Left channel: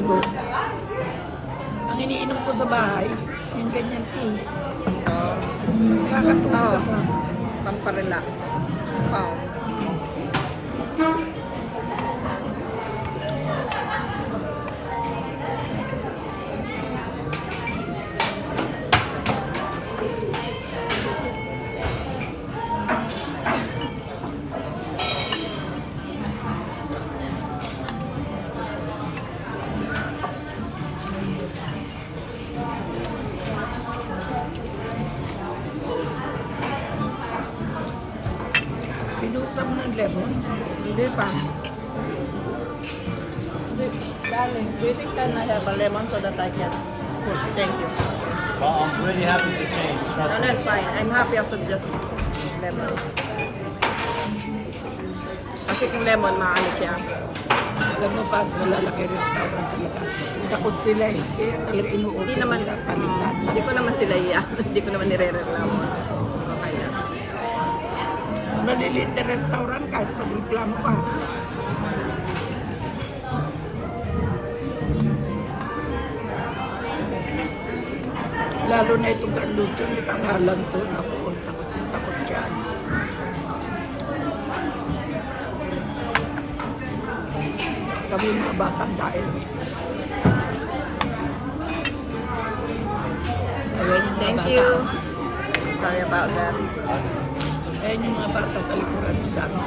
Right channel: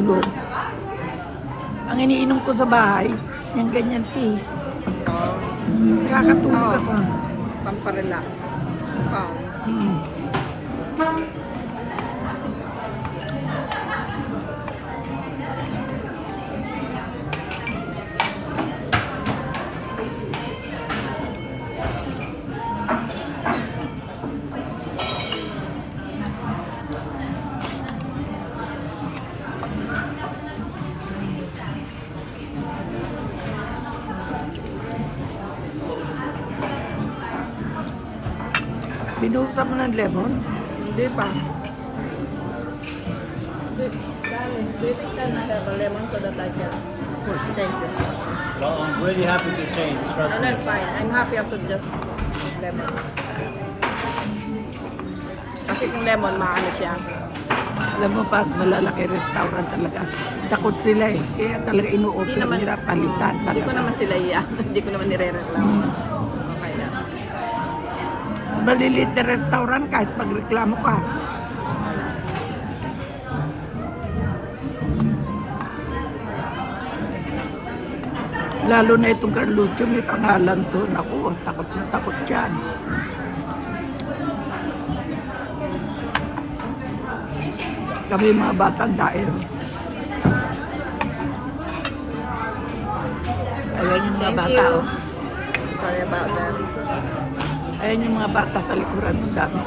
tulog. Ang iniinom ko sa bahay, yung ganyan tea. Oo. Nakakatulog Oo. ako. Pamparelax. Calm. Binusa mo ng lemon. Hindi pa. Darling, do you think can I have a lemon so that I can... Thank you. Oh, I'm really happy to change. Trust No, me. that's fine. I'm happy also just lemon. Kasi kung lemon, maano siya. Alam mo pa, malalaki restaurant talaga. Takot sila eh. Kaya talaga inuutot Hindi naman, nila palitan. hindi ko naman sila iya. Hindi ko naman nire-reklamo. Okay lang. Maliliit na restaurant kahit magreklamo ka. Lalo na itong Carluccio, may pangalan to. Ako, takot na takot yan. Kami mga batang dahil. Ayan yung mga Thank bata. you. Sorry about that. Ayan yung mga bata talikuran ng dami.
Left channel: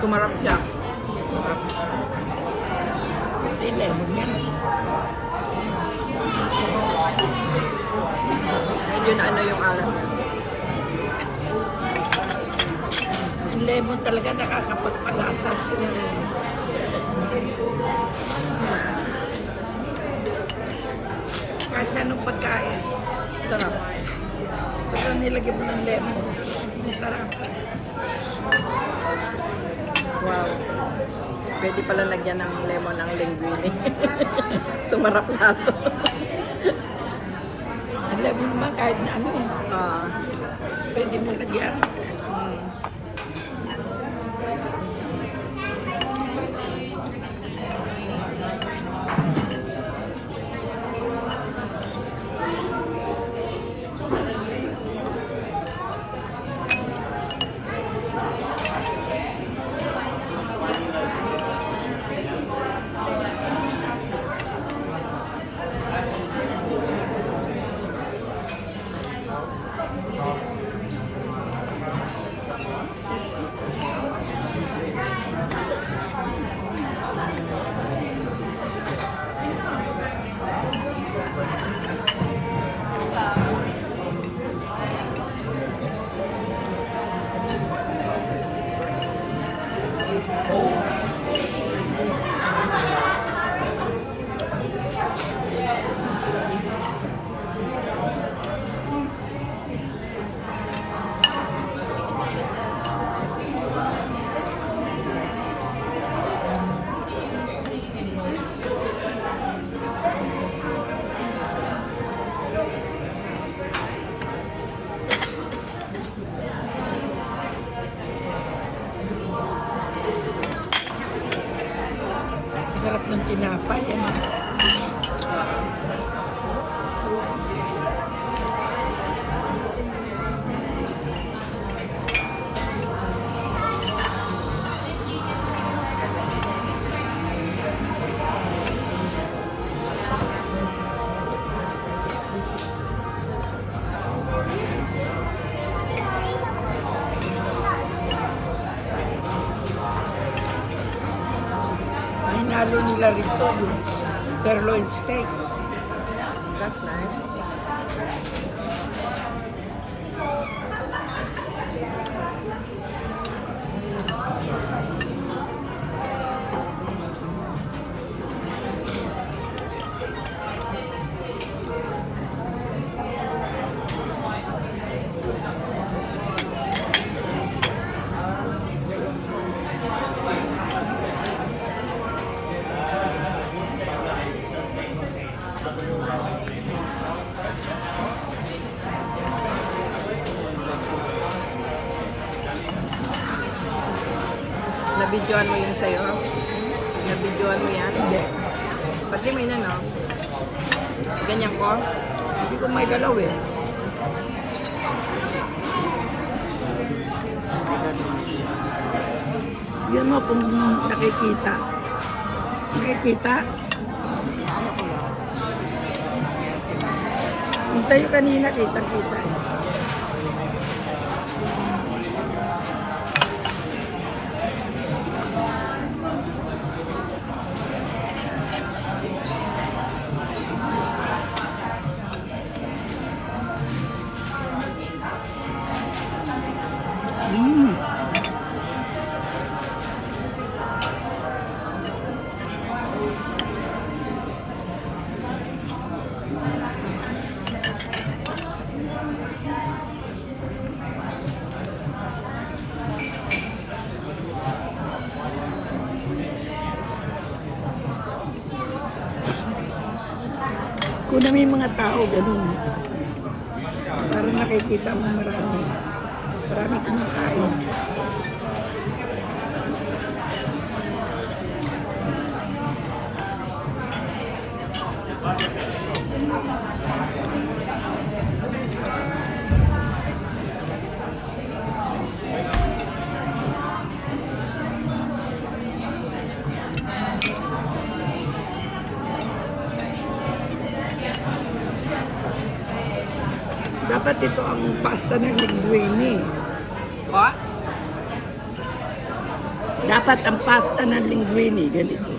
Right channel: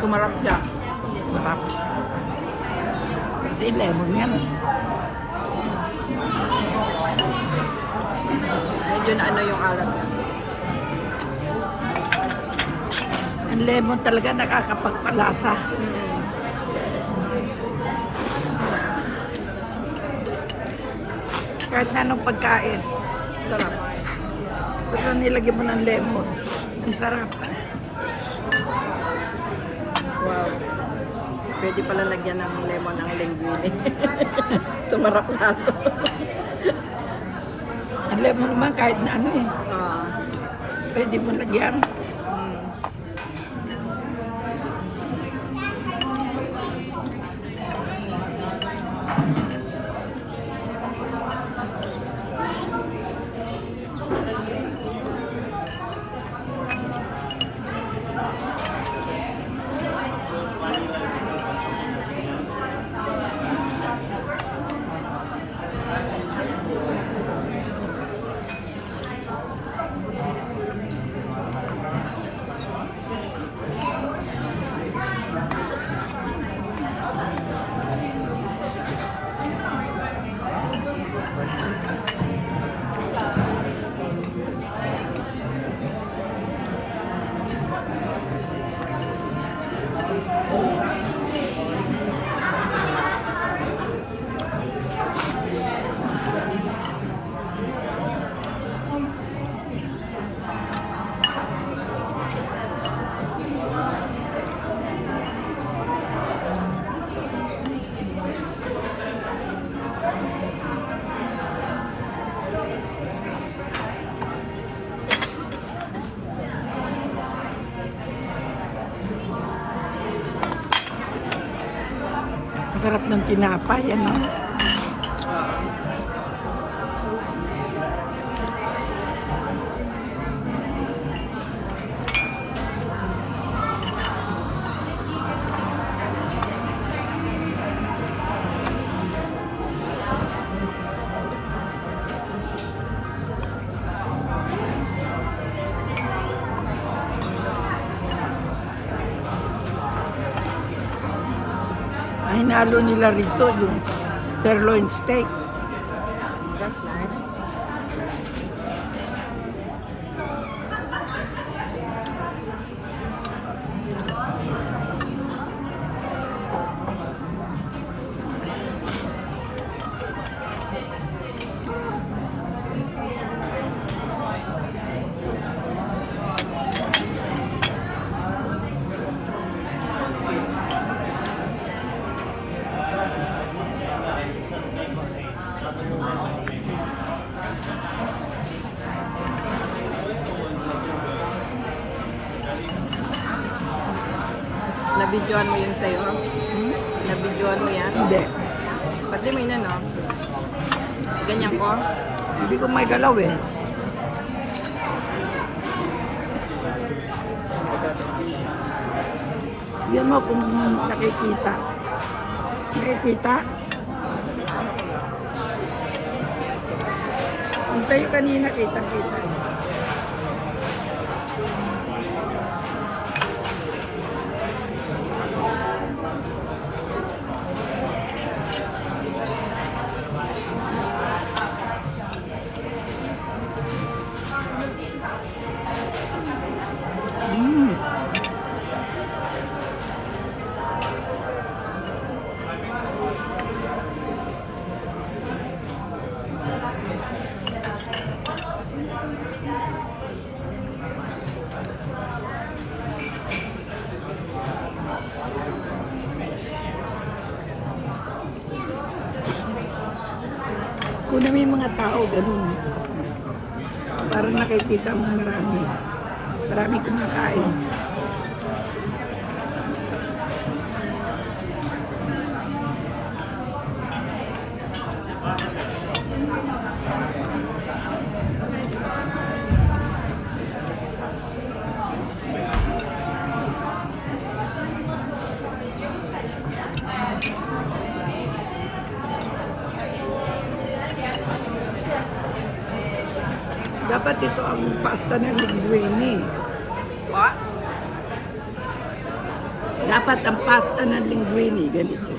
Sumarap siya. Kasi lemon yan. Medyo na ano yung alat niya. Ang lemon talaga nakakapagpalasa. Kahit anong pagkain. Sarap. Basta nilagyan mo ng lemon. Ang sarap. Wow. Pwede pala lagyan ng lemon ang linguine. Sumarap na to. Ang lemon naman kahit na ano eh. Ah. Pwede mo lagyan. Sarap ng tinapay. Ano? Ang hinalo nila rito yung sirloin steak. That's nice. Nabidyoan mo yun sa'yo? Nabidyoan mo yan? Hindi. Pati may na, no? Ganyan ko? Hindi ko mailalaw eh. Yan mo kung nakikita. Nakikita? Yung sa'yo kanina, kitang-kita eh. Mm. Kung na may mga tao, ganun. Parang nakikita mo marami. Marami kumakain. Dapat ito ang pasta ng linguine. What? Dapat ang pasta ng linguine, ganito.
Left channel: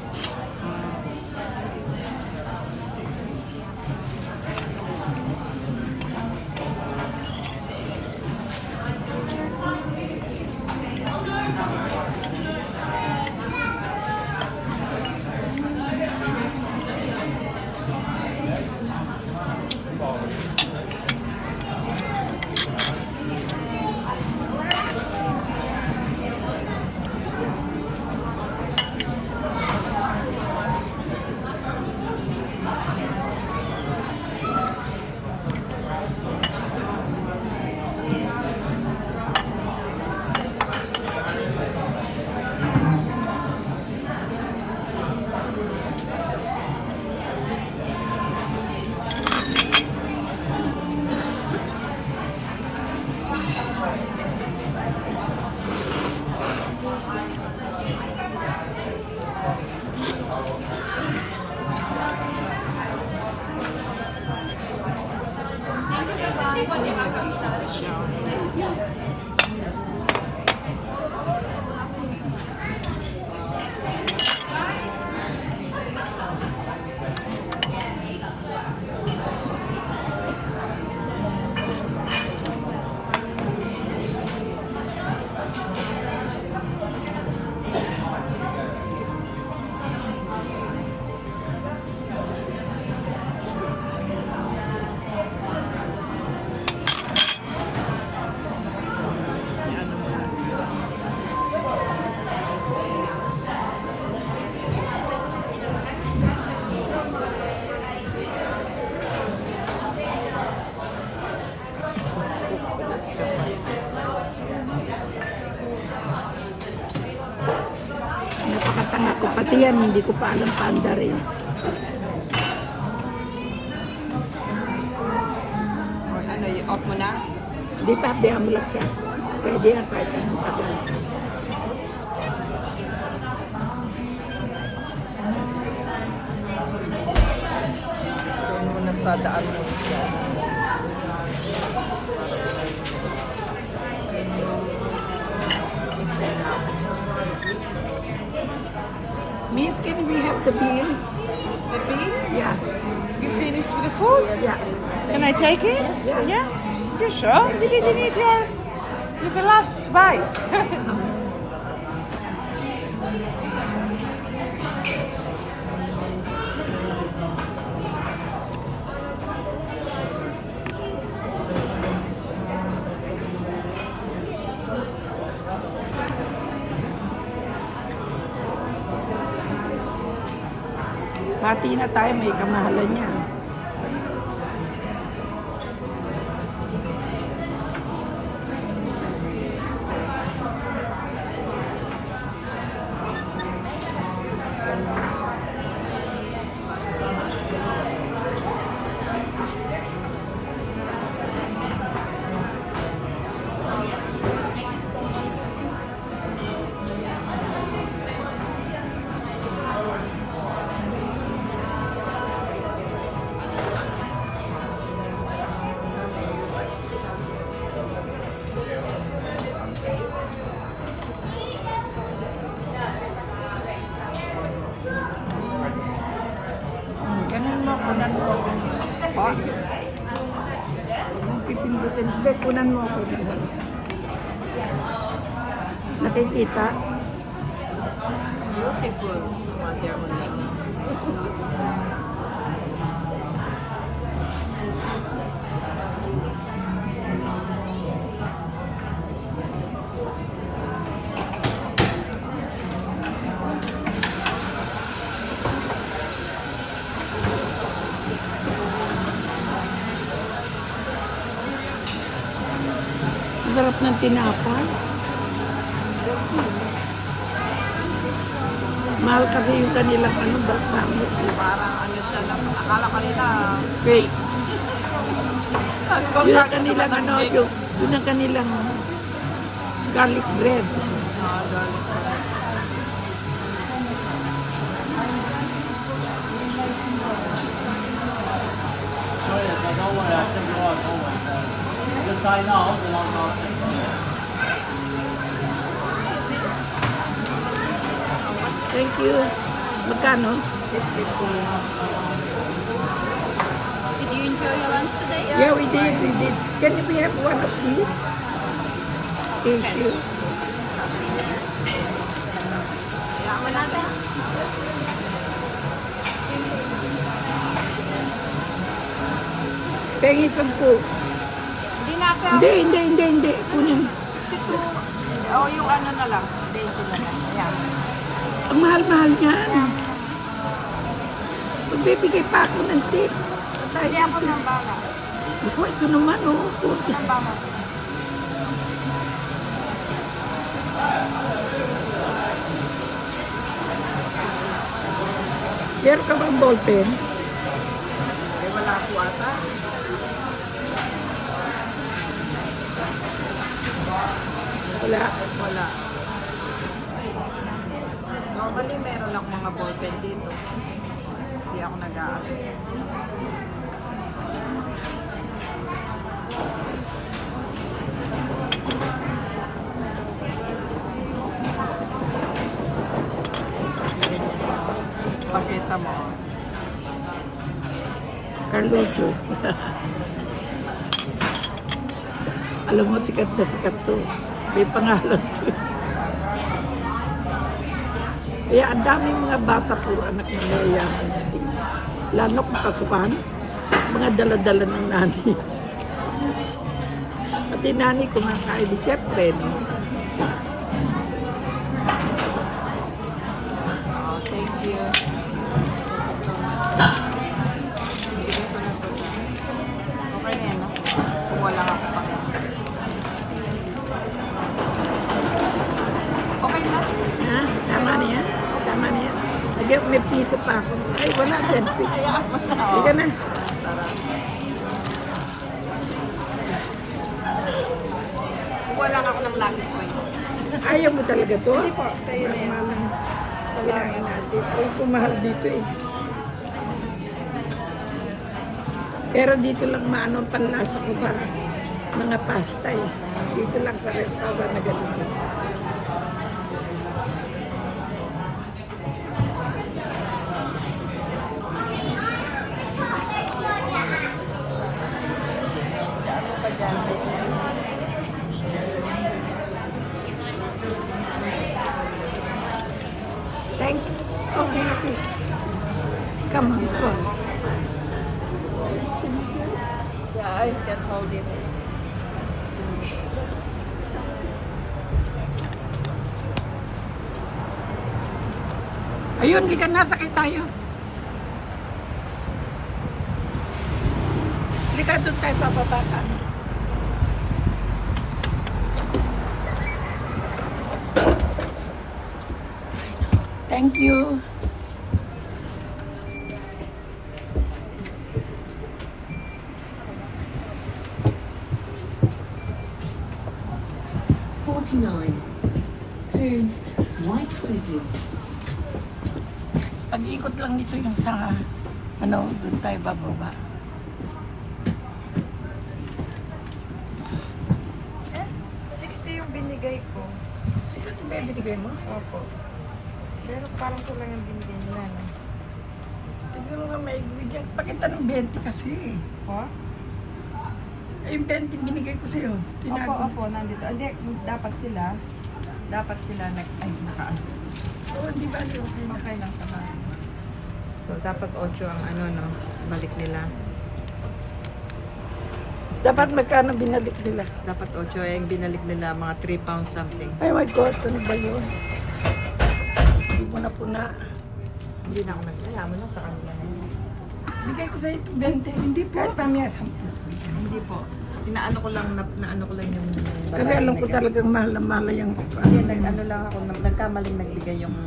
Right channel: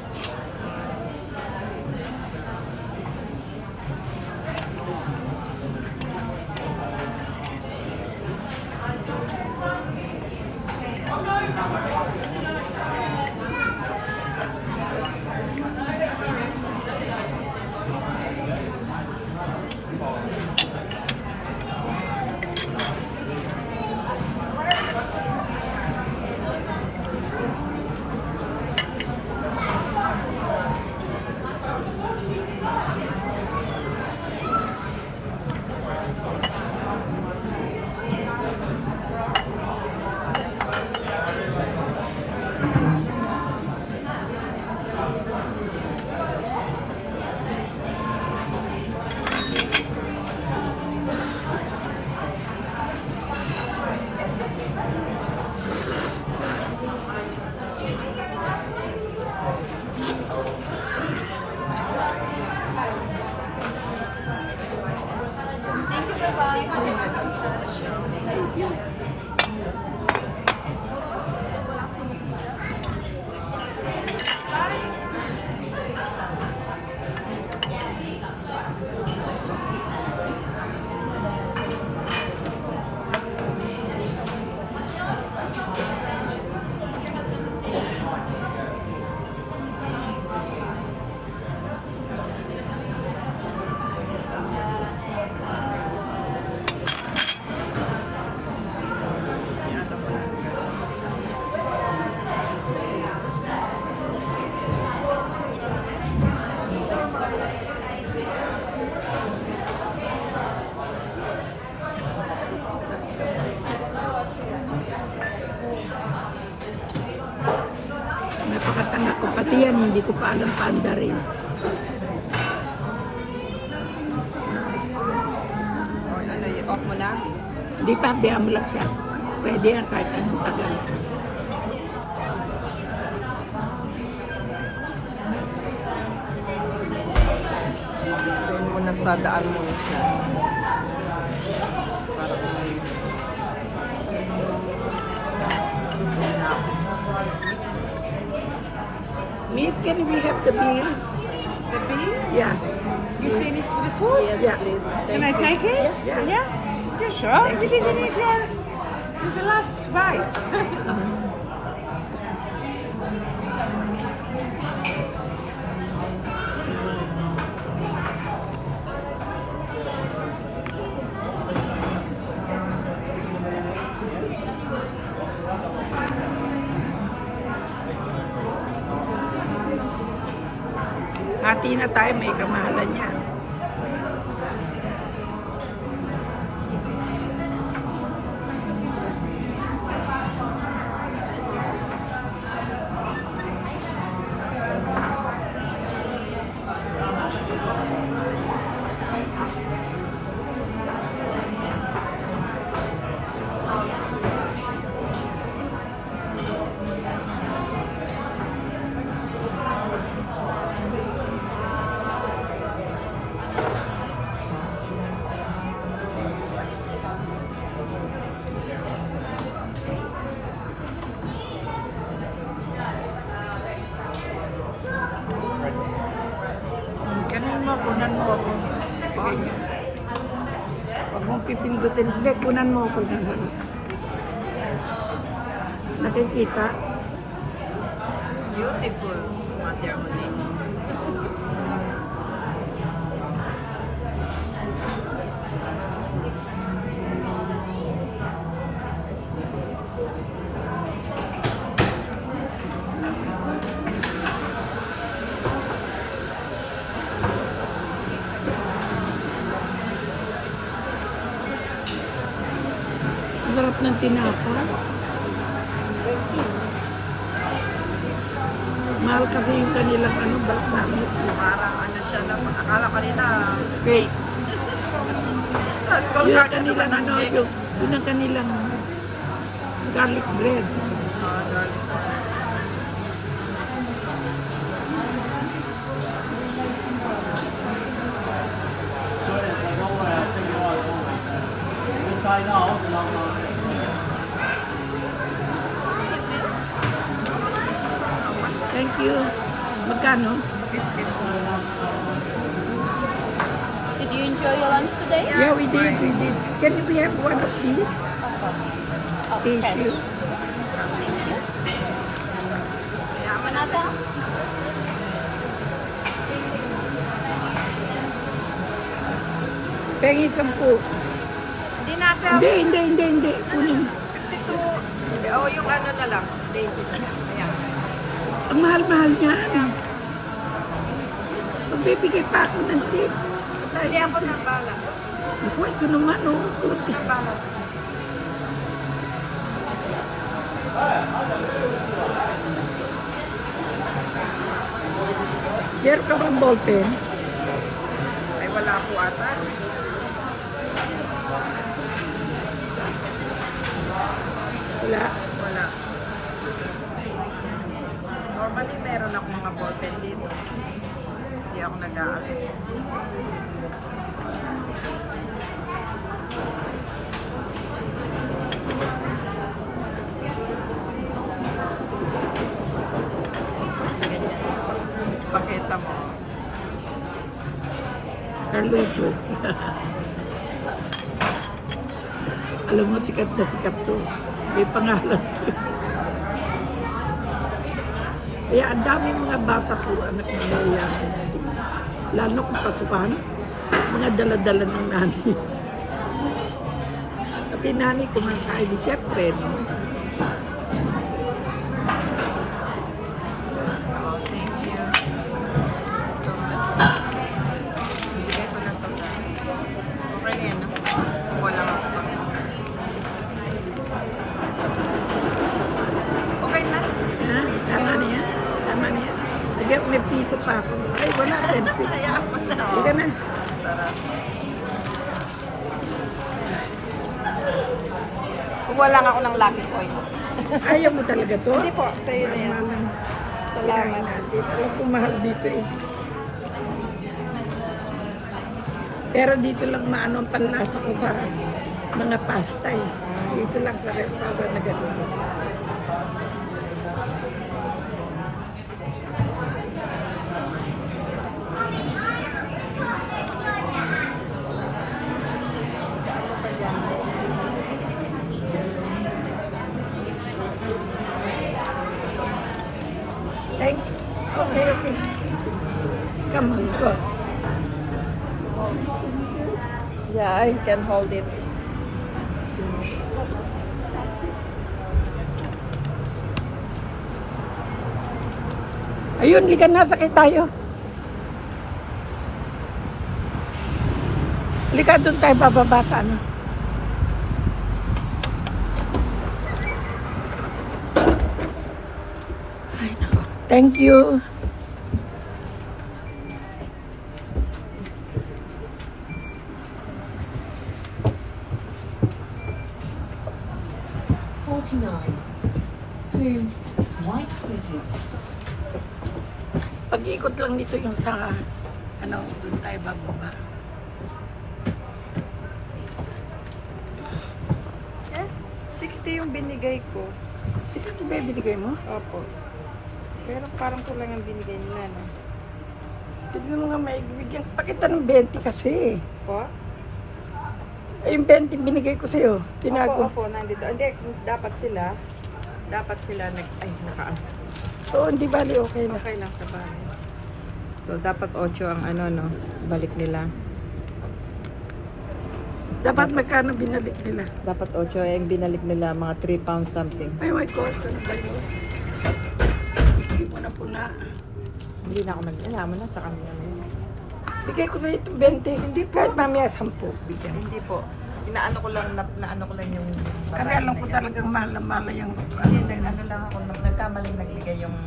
Napakatanga ko. Pati yan, hindi ko pa alam panda rin. Ano, off mo na? Hindi pa, diyan mo lang siya. Pwede yan kahit anong tagal. Nasa daan mo. Miss, can we have the beans? The beef? Yeah. You finished with the food? Yes, Yeah. please. Can I take it? Yeah? You sure? You didn't eat the last bite. Hati na tayo, may kamahalan yan. Kunan mo ako. Huwag mong pipindutin. Hindi, kunan mo ako. Nakikita? Beautiful, mother only. Ang sarap ng tinapay. Mahal kasi yung kanilang balsamic. Parang ano siya na, akala ka nila, Fake. saan bang Yun ang gagawin kanilang naman ng yun ang kanilang garlic bread. garlic bread. Toilet, don't worry, I'll take it out always. Just sign out and I'll take it out. Thank you. Magkano? Did you enjoy your lunch today? Yeah, we did. Can we have one of these? Tissue. Yaman natin. Pengi 10. Hindi natin. Hindi. Kunin. Ito, o yung ano na lang. Ito na lang. Ayan. Ang mahal-mahal niyan. Magbibigay pa ako ng tip. Hindi ako ng bala. Naku, ito naman, oh. Puti. Ng bala. Meron ka bang ballpen? Ay, wala po ata. Wala. Wala. Normally, meron ako mga ballpen dito. Hindi ako nag-aalis. Ganyan. Pakita mo. Carluchos. Alam mo, sikat na sikat to. May pangalan to. Kaya ang daming mga bata po, anak na mayayaman. Lalo kung pasukan, mga dala-dala ng nani. Pati nani kumakain di syempre, no? Oh, thank you. Thank you so much. Bigay ko na ito na. Okay na yan, no? Kuha lang ako sa akin. Okay na? Ha? Tama na yan? Tama na yan? Lagi, may piso pa ako. Ay, wala, 10 piso. Hayaan mo na. Hindi ka na. Tara. Kuha lang ako ng lucky point. Ayaw mo talaga to? Hindi po. Mahal lang. Kinain natin. Pero kung mahal dito eh. Pero dito lang maano ang panlasa ko sa mga pasta eh. Dito lang sa restaurant na ganito. Thank you. Okay. Come on, go. Yeah, I can hold it. Ayun, likan na, sakit tayo. Lika doon tayo bababasan. Thank you. to White City. Pag-ikot lang dito yung sa, doon tayo bababa. Yung binigay ko. 60 ba yung binigay mo? Opo. Pero parang kulang ang binigay nila. Tignan mo nga may bigyan pa kita ng 20 kasi. Po? Eh, yung 20 binigay ko sa'yo. Tinago. Opo, nandito. Hindi, dapat sila naka Oo, hindi bali okay lang. okay lang sa bahay. So, dapat 8 ang ano, no? Balik nila. Dapat magkano binalik nila? Dapat 8 yung binalik nila, mga 3 pounds something. Ay my God, ano ba yun? Hindi mo na puna. Hindi na ako alam mo na sa kanila. Bigay ko sa'yo itong 20. Hindi kahit mamaya 10. Hindi po. Inaano ko lang, naano ko lang yung... Kasi alam ko talagang mahal na mahal yung Hindi, nag-ano lang ako, nagkamaling nagbigay yung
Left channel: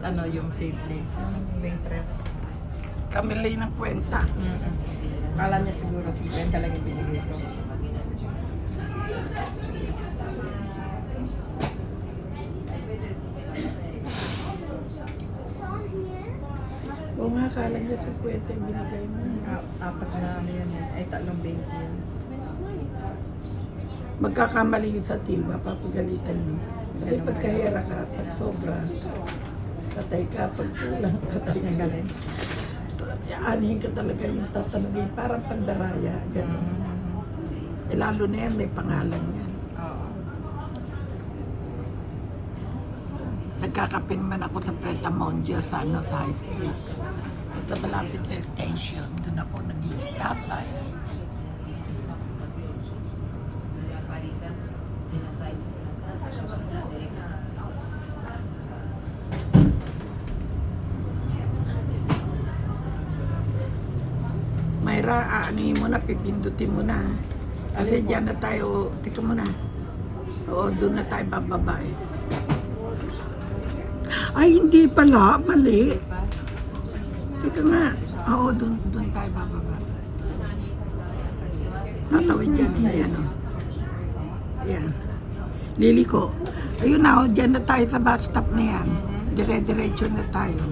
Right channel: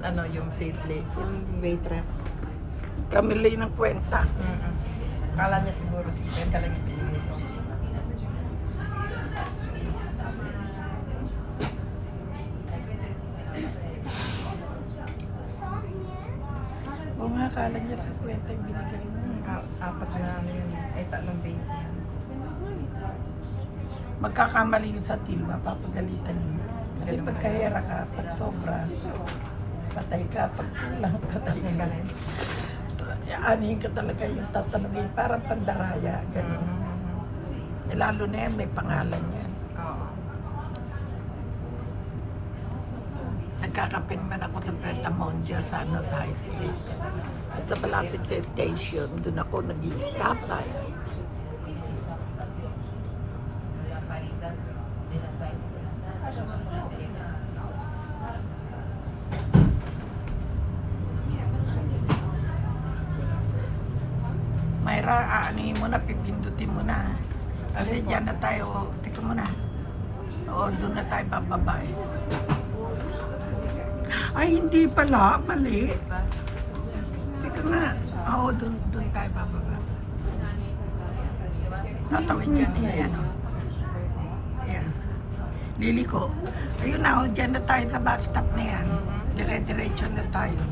ano, yung sales day. Yung waitress. kamili ng kwenta. Alam niya siguro si Ben talaga binigay ko. Oo nga, kala niya sa kwenta yung binigay mo. Apat na ano yun eh. Ay, 3 20 yun. Magkakamali yun sa til, mapapagalitan yun. Kasi pagkahira ka, pag sobra, patay ka, pag kulang, patay ka. Aanihin ka talaga yung tatanungin, parang pandaraya. Ganun. Lalo na yan, may pangalan yan. Nagkakape naman ako sa Pretamondia sa, sa High Street. Sa malapit sa station, doon ako nag-stop by. Mayra, aanihin mo na, pipindutin mo na. Kasi dyan na tayo, tika mo na. Oo, doon na tayo bababa eh. Ay, hindi pala, mali. Tika nga. Oo, doon tayo bababa. Tatawid yan eh, ayan o. Ayan. Liliko. Ayun na o, dyan na tayo sa bus stop na yan. Dire-diretso na tayo.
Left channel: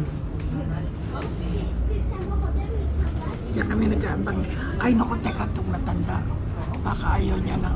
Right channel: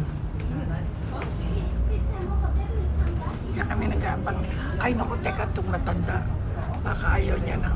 Diyan kami nag-aabang. Ay, naku, teka, itong matanda. Baka ayaw niya na.